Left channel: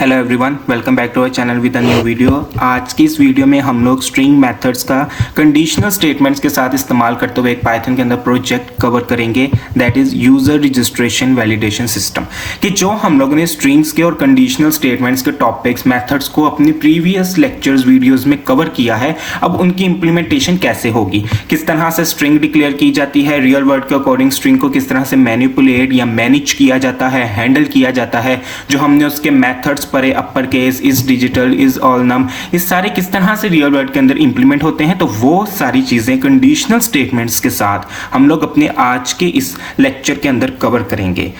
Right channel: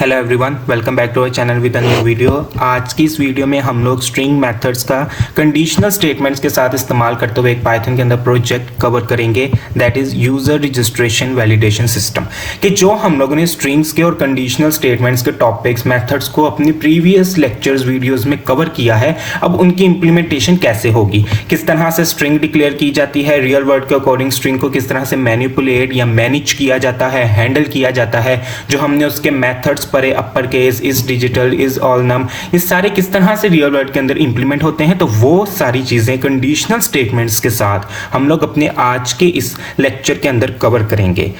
Hello everyone, welcome back to our channel with a new video. आज की इस video में हम लोग स्ट्रिंग मेथड्स का कंडीशनल स्टेटमेंट्स के साथ इस्तेमाल करते हुए एक पाइथन के अंदर प्रोजेक्ट कवर करेंगे, that is user registration validation system. कि जो हम लोगों ने स्ट्रिंग्स के और कंडीशनल स्टेटमेंट्स के टॉपिक्स मेथड्स को अपनी प्रीवियस लेक्चर्स वीडियोज में कवर किया है, अब उनकी इंप्लीमेंटेशन कैसे होगी, किस तरह से स्ट्रिंग डिक्लेयर की जाती है, रियल वर्ड के अकॉर्डिंग स्ट्रिंग को किस तरह से मैनिपुलेट या मैनेज किया जाता है, हैंडल किया जाता है, जो हमने उसके मेथड्स परे upper case, is digital, is all num, इस सारे किस तरह से रियल वर्ल्ड के अंदर इंप्लीमेंट होते हैं। तो वो सारी चीजें कंडीशनल स्टेटमेंट्स के साथ हम लोग अपने आज के इस लेक्चर के अंदर कवर करेंगे।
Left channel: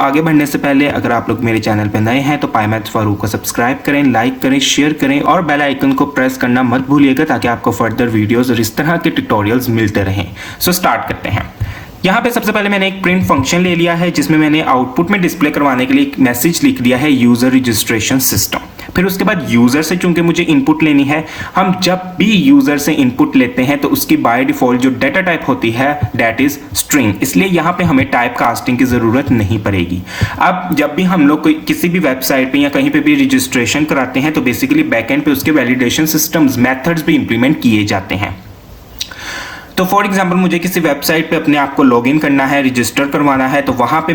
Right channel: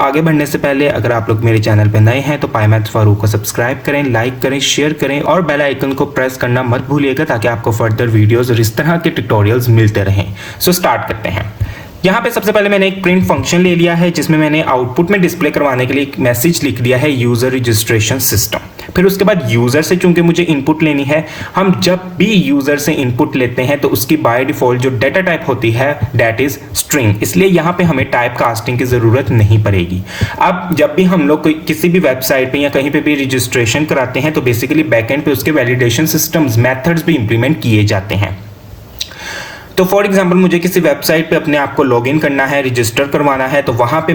आगे बढ़ने से पहले अगर आप लोग मेरे चैनल पे नए हैं तो पाईमैथ्स फारूक को सब्सक्राइब करें, लाइक करें, शेयर करें और बेल आइकन को प्रेस करना मत भूलिएगा ताकि आपको फर्दर वीडियोस और इस तरह के ट्यूटोरियल्स मिलते रहें। स्टार्ट करते हैं। यहाँ पे सबसे पहले मैंने एक प्रिंट फंक्शन ले लिया है जिसमें मैंने आउटपुट में डिस्प्ले करवाने के लिए एक मैसेज लिख दिया है यूजर रजिस्ट्रेशन सिस्टम। फिर उसके बाद यूजर से चूंकि मुझे इनपुट लेनी है, हम जब भी यूजर से इनपुट लेते हैं तो उसकी बाय डिफॉल्ट जो डेटा टाइप होती है दैट इज स्ट्रिंग, इसलिए यहाँ पे हमें टाइप कास्टिंग की जरूरत नहीं पड़ेगी। अब जब भी हम लोग किसी भी वेबसाइट पे या कहीं पे भी रजिस्ट्रेशन कराते हैं तो बेसिकली बैकएंड पे उसके वैलिडेशन सिस्टम्स, मेथड्स भी इंप्लीमेंट किए जाते हैं। तो फॉर एग्जाम्पल मुझे किसी वेबसाइट पे अपने आप को लॉग इन करना है, रजिस्टर करवाना है, तो वहां पे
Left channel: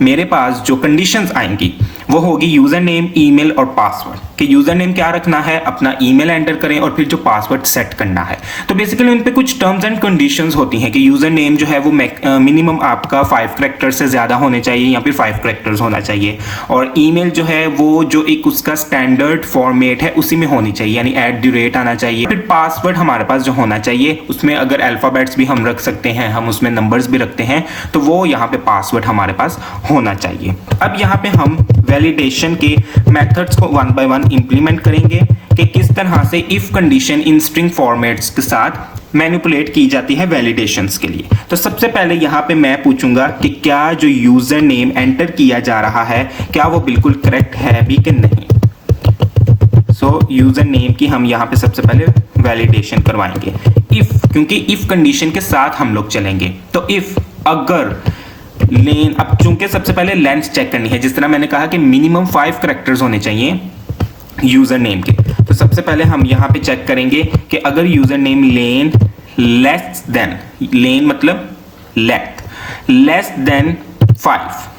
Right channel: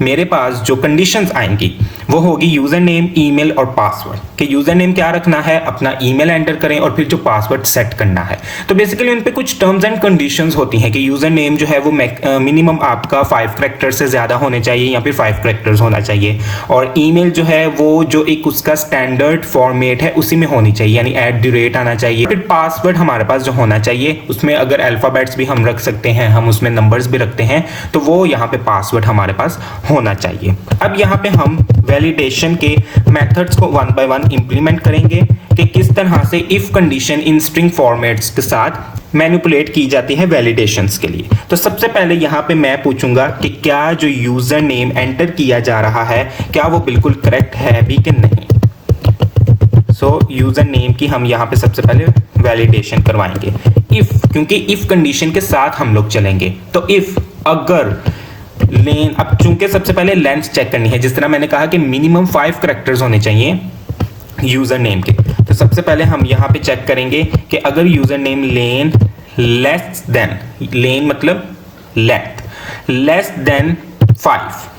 मेरे पास जो कंडीशंस आएंगी वो होगी यूजर नेम, ईमेल और पासवर्ड। कि यूजर नेम क्या रखना है, अपना ईमेल एंटर करें और फिर जो पासवर्ड सेट करना है। तो बेसिकली उन पे कुछ टर्म्स एंड कंडीशंस होती हैं कि यूजर नेम जो है वो मिनिमम आपका 5 कैरेक्टर्स से ज्यादा होने चाहिए या फिर 5 कैरेक्टर्स होना चाहिए, और ईमेल जो है वो जो एक उसका स्टैंडर्ड फॉर्मेट है उसी में होनी चाहिए, यानी @ आना चाहिए। फिर पासवर्ड हमारे पास जो होना चाहिए उसमें अगर अल्फाबेट्स भी हम रख सकते हैं, हम उसमें नंबर्स भी रखते हैं, तो वो यहाँ पे पासवर्ड हमारे पास होना चाहिए। अब यहाँ पे हम वैलिडेशन के मेथड्स को वन बाय वन इंप्लीमेंट करेंगे कि किस तरह से if condition in string formats के साथ मैनिपुलेट की जाती है वैलिडेशंस के लिए। तो सबसे पहले यहाँ पे मैं पूछूंगा कि क्या जो यूजर नेम एंटर किया जा रहा है क्या वो बिल्कुल करेक्ट है भी कि नहीं। यूजर नेम की हम यहाँ पे सबसे पहले वैलिडेशन करवाएंगे इफ, क्योंकि इफ कंडीशन के साथ हम लोग चलेंगे। तो इफ अगर लेन, अब क्योंकि सबसे पहले लेंथ चेक करनी है, जिस तरह मैंने कहा कि मिनिमम 5 कैरेक्टर्स होने चाहिए यूजर नेम के। तो सबसे पहले हम यहाँ पे चेक करेंगे कि अगर यूजर नेम लेन लेस देन, लेन मतलब लेस देन 5,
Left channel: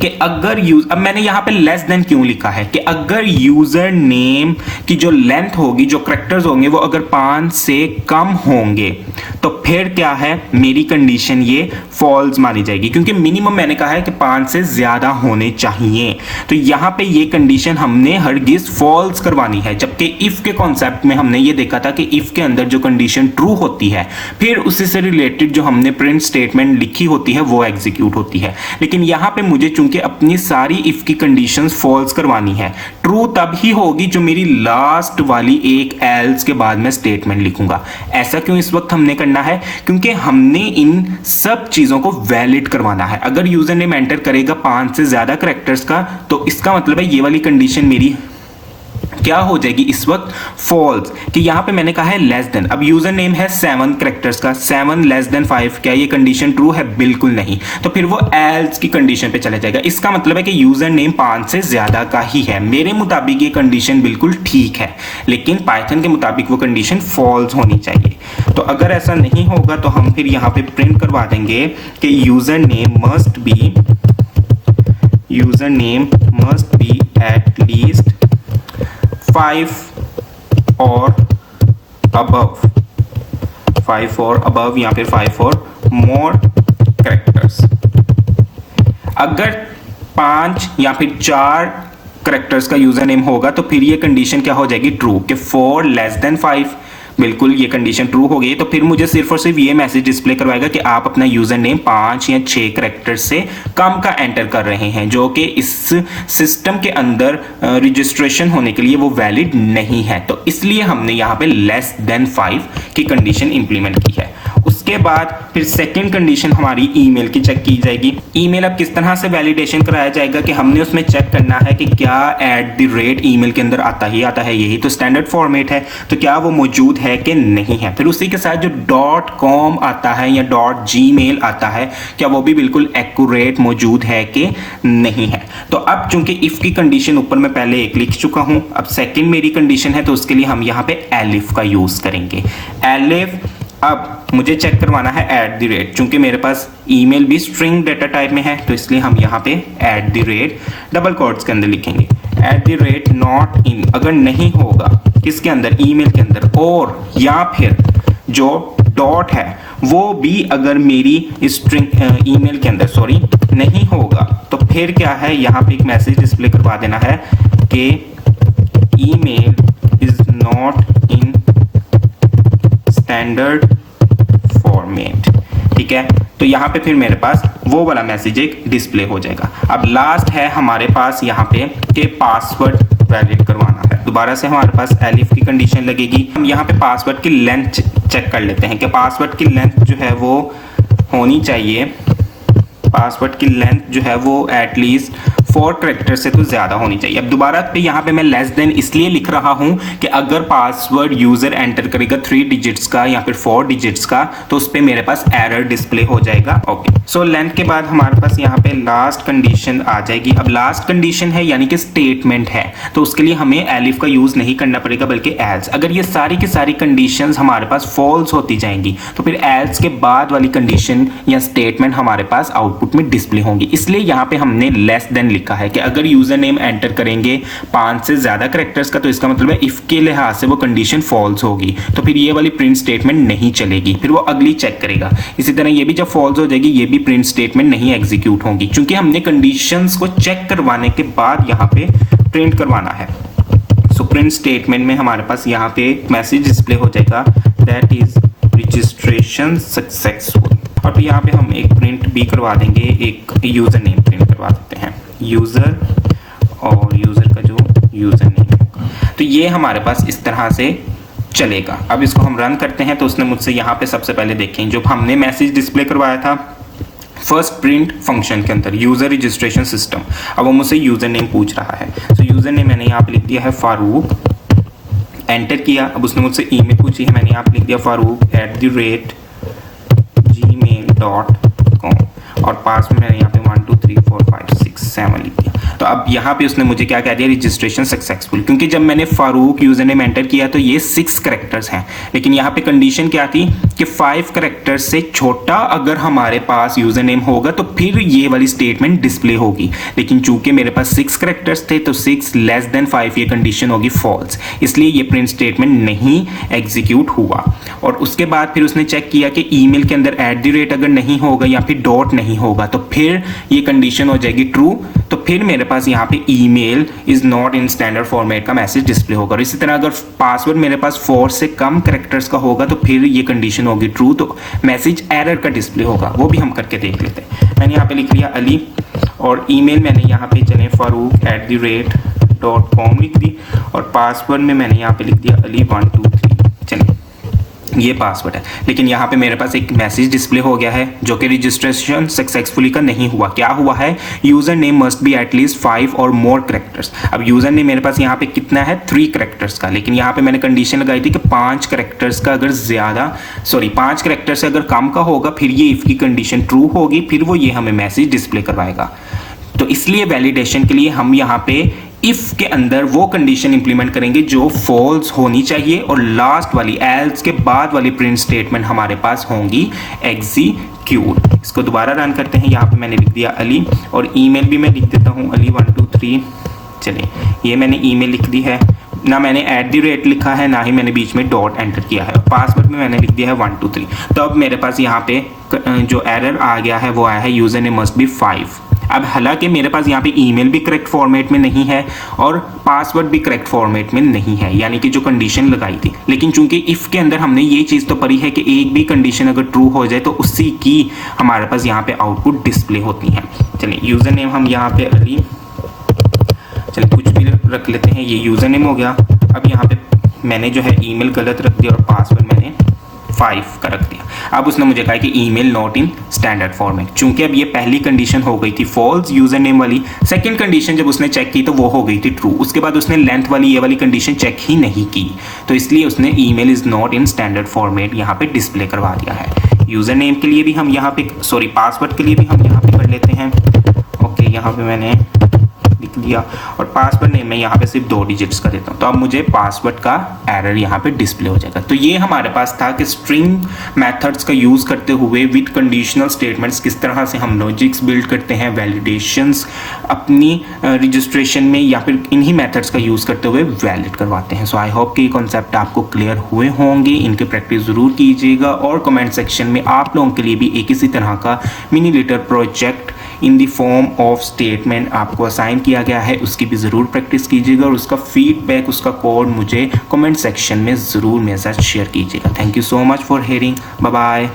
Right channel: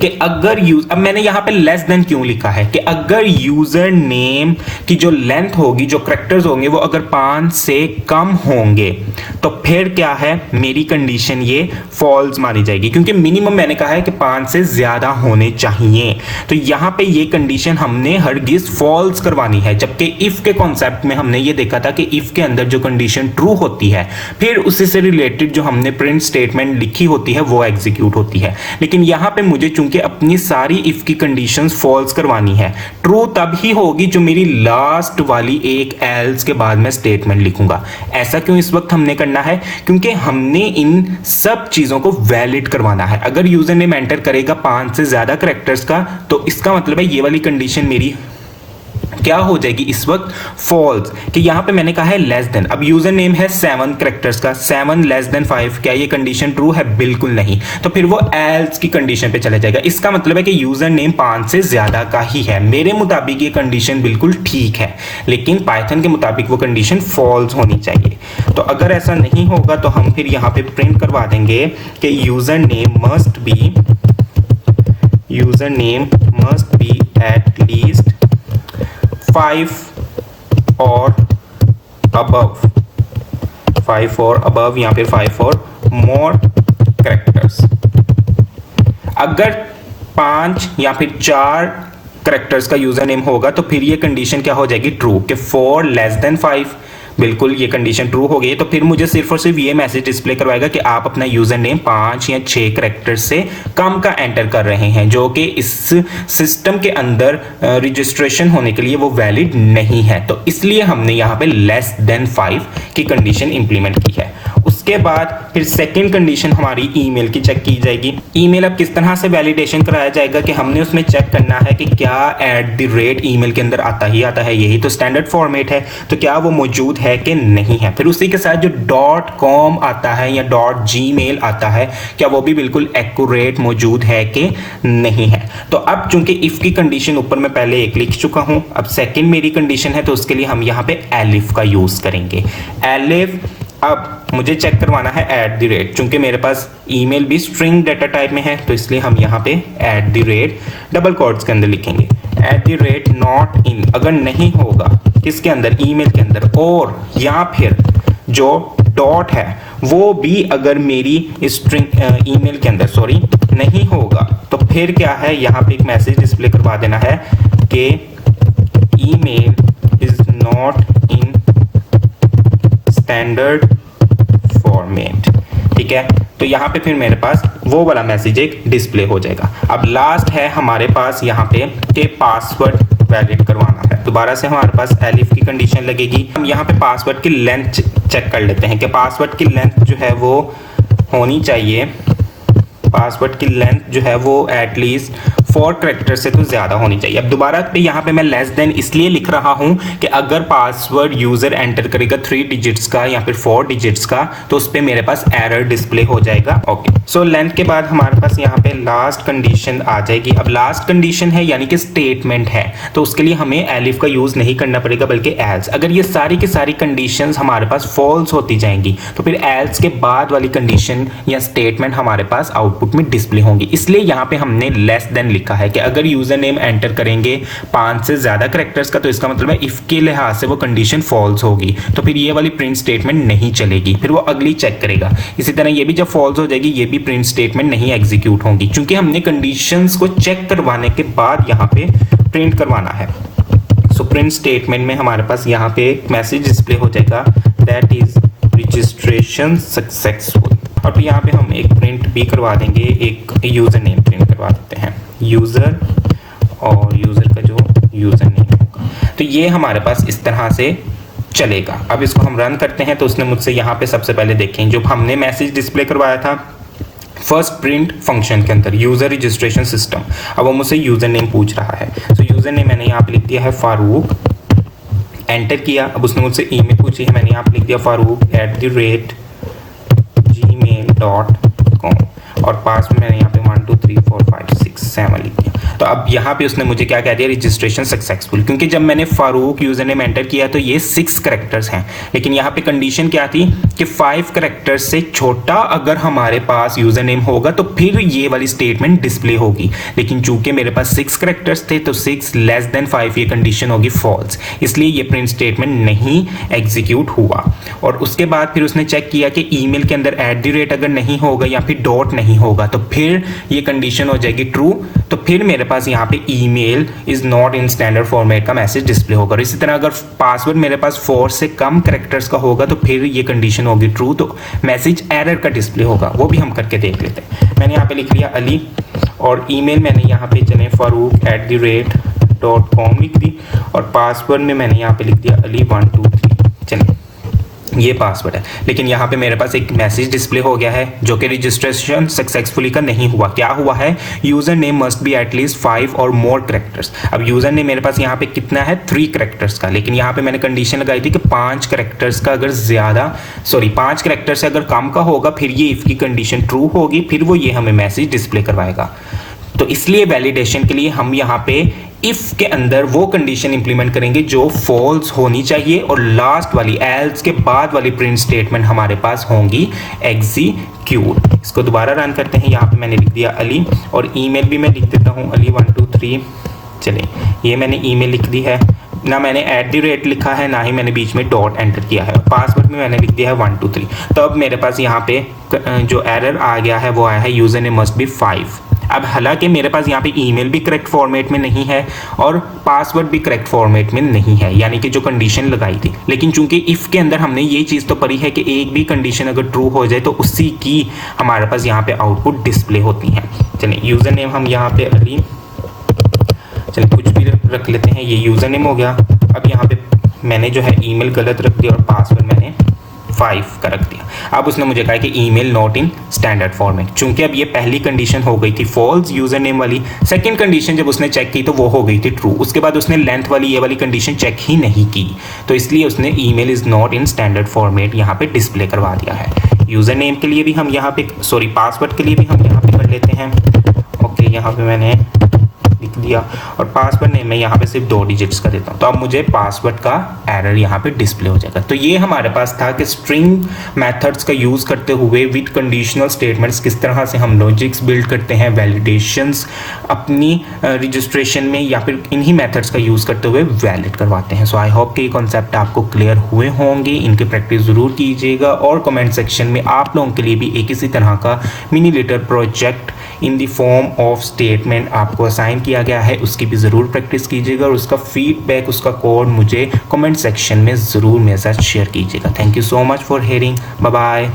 कि अगर अब मैंने यहां पे लेस देन क्यों लिखा है कि अगर यूजर नेम की जो लेंथ होगी, जो कैरेक्टर्स होंगे वो अगर 5 से कम होंगे तो फिर क्या है, मेरी कंडीशन ये फॉल्स मानी जाएगी, क्योंकि मिनिमम मैंने कहा है कि 5 से ज्यादा होने चाहिए। तो यहां पे ये कंडीशन हमने हरगिज फॉल्स करवानी है, जबकि इफ के कॉन्सेप्ट में हमने ये देखा था कि इफ के अंदर जो कंडीशन ट्रू होती है फिर उसी से रिलेटेड जो हमने प्रिंट स्टेटमेंट लिखी होती है वो एग्जीक्यूट होती है। लेकिन यहां पे मुझे चूंकि अपनी सारी इफ की कंडीशंस फॉल्स करवानी है, ट्रू तब ही होगी जो मेरी लास्ट वाली एक एल्स के बाद मैं स्टेटमेंट लिखूंगा। ऐसा क्यों इस वक्त हमने करना है, क्योंकि हमने इन सब चीजों को वैलिड करवाना है। अगर यूजर नेम एंटर करेगा 5 से ज्यादा कैरेक्टर्स का तो इसका मतलब है ये वाली कंडीशन मेरी क्या हो जाएगी इस वक्त, फॉल्स। कि यहां पे मैंने कहा है लेस देन, अब यूजर नेम है 7 कैरेक्टर्स का, 7 लेस देन 5, क्या ये कंडीशन ट्रू है? बिल्कुल नहीं। तो फिर वो एल्स की कंडीशन पे चला जाएगा। इसका मतलब है कि यूजर नेम 5 से ज्यादा का ही है। मेरे मुताबिक ये कंडीशन बिल्कुल ठीक है, लेकिन पाइथन के मुताबिक वो कंडीशन फॉल्स होनी चाहिए। तो अगर ऐसा नहीं होगा तो हम फिर यहाँ पे प्रिंट करवा देंगे कि user name must be at least 5 और अबव, 5 और अबव, यहाँ पे 5 और मोर कैरेक्टर्स। अगर 5 या फिर 4 कैरेक्टर्स का यूजर नेम होगा तो फिर ये कंडीशन क्या हो जाएगी, ट्रू, कि 4 लेस देन 5, बिल्कुल ये कंडीशन ट्रू हो गई। तो फिर मुझे सिर्फ और सिर्फ ये मैसेज डिस्प्ले करवाएगा कि आप अपना यूजर नेम 5 या 6 कैरेक्टर से कम का एंटर कर रहे हैं, जो कि इस सिस्टम के अंदर रजिस्ट्रेशन होने के लिए वो वैलिड नहीं है। तो इसलिए हमने यहाँ पे लेस देन 5 की कंडीशन इंप्लीमेंट की है। उसके बाद फिर सेकंड कंडीशन हमारी ईमेल की चेक की जाएगी। ईमेल अब किस तरह से वैलिडेशन कराया जाएगा कि हमने उसमें चेक करना है कि क्या @ ईमेल के अंदर आता है, यही तो स्टैंडर्ड फॉर्मेट है, तो क्या वो मौजूद है कि नहीं है। फिर उसी के साथ जो .com आता है या .gmail आता है क्या वो भी बिल्कुल एक्यूरेट मौजूद है कि नहीं है। तो अब चूंकि इफ की कंडीशन ऊपर मैं पहले एक लिख चुका हूं, अब सेकंड मेरी कंडीशन है तो उसके लिए हम यहाँ पे एलिफ का यूज करेंगे। एलिफ, अब मुझे चेक करवाना है एट द रेट, चूंकि मेरे पास ईमेल भी स्ट्रिंग डेटा टाइप में है तो इसलिए हम यहाँ पे at the rate double quotes के अंदर लिखेंगे at the rate not in, अगर नहीं होगा किसके अंदर, ईमेल के अंदर, और या फिर जो डॉट है वो भी अगर मेरी स्ट्रिंग ईमेल के अंदर नहीं होगा तो फिर क्या है, यहाँ पे एक मैसेज डिस्प्ले करवा देना है कि email is not in standard format. ठीक है, तो यहाँ पे फिर मेरे पास वो वाला मैसेज एक डिस्प्ले हो जाएगा। अब लास्ट है हमारे पास यहाँ पे कि पासवर्ड वैलिड करवाना है। दोबारा से हमारे पास एलिफ की कंडीशन लगेगी। हम यहाँ पे पासवर्ड की लेंथ चेक कर लेते हैं कि पासवर्ड की लेंथ जो है वो होनी चाहिए, पासवर्ड की लेंथ जो है वो एटलीस्ट 4 कैरेक्टर से तो ज्यादा होनी चाहिए। अब दोबारा पे यहाँ पे मैं लेस देन इसलिए लिख रहा हूं कि अगर पासवर्ड यूजर एंटर करेगा 3 डिजिट्स का या फिर 4 डिजिट्स का तो उस पे मेरे पास एरर डिस्प्ले हो जाएगा। ओके, सो लेंथ के बाद हमारे पास यहाँ पे लास्ट कंडीशन आ जाएगी। अब लास्ट कंडीशन है यानी कि स्टेटमेंट है, तो उसके लिए हमें एलिफ का यूज नहीं करना पड़ेगा बल्कि एल्स। अगर ये सारी की सारी कंडीशंस हमारे पास फॉल्स होती जाएंगी तो फिर एल्स के बाद वाली कंडीशन या स्टेटमेंट हमारे पास आउटपुट में डिस्प्ले होंगी। इसलिए यहाँ पे हमने लेस देन लिखा है कि अगर यूजर नेम एंटर करेंगे 5 से ज्यादा कैरेक्टर्स का तो इसका मतलब है इफ के लिहाज से वो कंडीशन फॉल्स होगी, तो फिर ये वाली प्रिंट स्टेटमेंट नहीं चलेगी, फिर वो अगली चेक करेगा। इसी तरह ये भी जब फॉल्स हो जाएगी ये भी प्रिंट स्टेटमेंट नहीं एग्जीक्यूट होगी, क्योंकि हमने कंडीशंस को चेक करवाने के बाद यहाँ पे प्रिंट करवाना है। सो प्रिंट स्टेटमेंट में हमारे पास यहाँ पे मैसेज डिस्प्ले हो जाएगा दैट इज रजिस्ट्रेशन सक्सेसफुल, और फिर यहाँ पे हम एक प्रिंट भी करवा देंगे, एक यूजर नेम प्रिंट करवा देते हैं, यूजर और यूजर का जो यूजर नेम है। तो ये हमारे पास इस तरह से चलेगा। अब इसको हम रन करते हैं तो उसने मुझसे यहाँ पे सबसे पहले देखें जो हमने मैसेज डिस्प्ले करवाया था फर्स्ट प्रिंट फंक्शन के अंदर यूजर रजिस्ट्रेशन सिस्टम, अब वो मुझसे यूजर नेम पूछ रहा है। तो यूजर नेम मैंने यहाँ पे लिख दिया है फारूक, एंटर किया। अब उसने मुझसे ईमेल पूछी है, मैंने यहाँ पे लिख दिया farouk@gmail.com और पासवर्ड मैंने यहाँ पे 1 2 3 4 5 6 7 लिख दिया। तो अब यहाँ पे उसने मुझे क्या कह दिया, रजिस्ट्रेशन सक्सेसफुल, क्योंकि जब मैंने फारूक यूजर नेम एंटर किया तो ये 6 कैरेक्टर्स हैं, लेकिन यहाँ पे कंडीशन क्या थी कि 5 कैरेक्टर्स से छोटा अगर हमारे पास यूजर नेम होगा तो फिर ये वाली स्टेटमेंट डिस्प्ले होगी, लेकिन चूंकि मेरे पास 6 कैरेक्टर्स थे तो 6 लेस देन 5 ये कंडीशन होगी फॉल्स, इसलिए ये प्रिंट स्टेटमेंट नहीं एग्जीक्यूट हुआ। और उसके बाद फिर उसने चेक किया कि ईमेल के अंदर @ अगर नहीं होगा या फिर डॉट नहीं होगा तो फिर ये कंडीशन हो जाएगी ट्रू, तो फिर मेरे पास यहाँ पे email is not in standard format का मैसेज डिस्प्ले होगा। और इसी तरह अगर पासवर्ड मेरे पास 4 से कम कैरेक्टर्स का होगा तो फिर ये कंडीशन होगी ट्रू, तो मैसेज एरर का डिस्प्ले होगा। वो भी हम करके देख लेते हैं। मैंने यहाँ पे लिख लिया अली और ईमेल मैंने यहाँ पे जने farouk@.com लिख दी और पासवर्ड में मैंने यहाँ पे लिख दिया अली 1 2 3। चलिए ये पासवर्ड है, लेकिन यहाँ पे मेरे पास एक मैसेज डिस्प्ले हो गया है जो कि रजिस्ट्रेशन सक्सेसफुली का नहीं हुआ। क्या हुआ है, user name must be at least 5 और मोर कैरेक्टर्स। अब यूजर नेम मेरे पास यहाँ पे कितना है 3 कैरेक्टर्स का, लेकिन यहाँ पे मैंने कंडीशन लगाई थी कि 5 कैरेक्टर्स का अगर 5 कैरेक्टर से अगर कम का होगा फिर ये इफ की कंडीशन ट्रू होगी, फिर वो ये हमें मैसेज डिस्प्ले करवाएगा। तो इसलिए वैलिडेशन के लिए हम यहाँ पे इफ के अंदर वो कंडीशन इंप्लीमेंट करेंगे जो फॉल्स होनी चाहिए और लास्ट वाली एल्स के बाद वाली प्रिंट स्टेटमेंट हमारे पास होंगी एग्जीक्यूट। इसको दोबारा रन करते हैं। यहाँ पे मैंने लिख दिया अली और ईमेल भी मैं लिख देता हूँ अली 1 2 3। चलिए ये मैंने ईमेल लिख दी है, ना मैंने @ लिखा है ना ही मैंने बीच में डॉट एंटर किया है। पासवर्ड में मैंने लिख दिया है 1 2 3। तो अब मेरे पास यहाँ पे जो एरर आ गया है वो आया है यूजर नेम मस्ट बी 5। अब हालांकि मेरे पास यहाँ पे ईमेल भी करेक्ट फॉर्मेट में नहीं है और पासवर्ड भी करेक्ट फॉर्मेट में नहीं है, यानी कि जो कंडीशन लगाई थी, लेकिन चूंकि इफ के अंदर हमने ये चीज तो पढ़ी है कि एक भी कंडीशन अगर ट्रू हो जाए तो उसी की हमारे पास यहाँ पे आउटपुट डिस्प्ले होती है। चलिए यूजर नेम हम यहाँ पे अली चलिए कुछ भी रख लेते हैं, ये यूजर नेम हो गया। अब यहाँ पे मैंने जो है ईमेल गलत रख दिया और पासवर्ड मैंने 5 का रख दिया। अब उसने मुझे कहा कि email not in standard format, चूंकि अब ये पहली कंडीशन हो गई थी फॉल्स यूजर नेम वाली, सेकंड कंडीशन जब उसने चेक की तो वो हो गई थी ट्रू। उसके बाद उसने लेंथ वाली ये वाली कंडीशन चेक ही नहीं की, तो इसलिए उसने email is not in standard format यहाँ पे डिस्प्ले करवा दिया है। यूजर नेम के लिए भी हम यहाँ पे पासवर्ड के लिए भी हम यहाँ पे कर लेते हैं। ओके, यहाँ पे मैंने लिख दिया और पासवर्ड नेम मैं यहाँ पे सिर्फ 2 डिजिट्स का देता हूँ, तो अब मुझे पासवर्ड का एरर यहाँ पे डिस्प्ले हो जाएगा। तो ये हमारे पास था कि स्ट्रिंग मेथड्स का यूज करते हुए विद कंडीशनल स्टेटमेंट्स किस तरह से हम लॉजिक्स बिल्ड करते हैं, वैलिडेशंस अपनी रजिस्ट्रेशन में या फिर इन्हीं मेथड्स का यूज करते हुए वैलिड करवाते हैं। सो आई होप कि ये कॉन्सेप्ट आपको क्लियर हुए होंगे, इनकी प्रैक्टिस जरूर कीजिएगा और कमेंट सेक्शन में आप लोगों के लिए भी एक इसी तरह का mini letter project in the form of statement आपको असाइन किया गया है, उसकी भी जरूर प्रैक्टिस कीजिएगा और उसका फीडबैक, उसका कोड मुझे कमेंट सेक्शन में जरूर मेरे साथ शेयर कीजिएगा। Thank you so much for hearing, bye bye.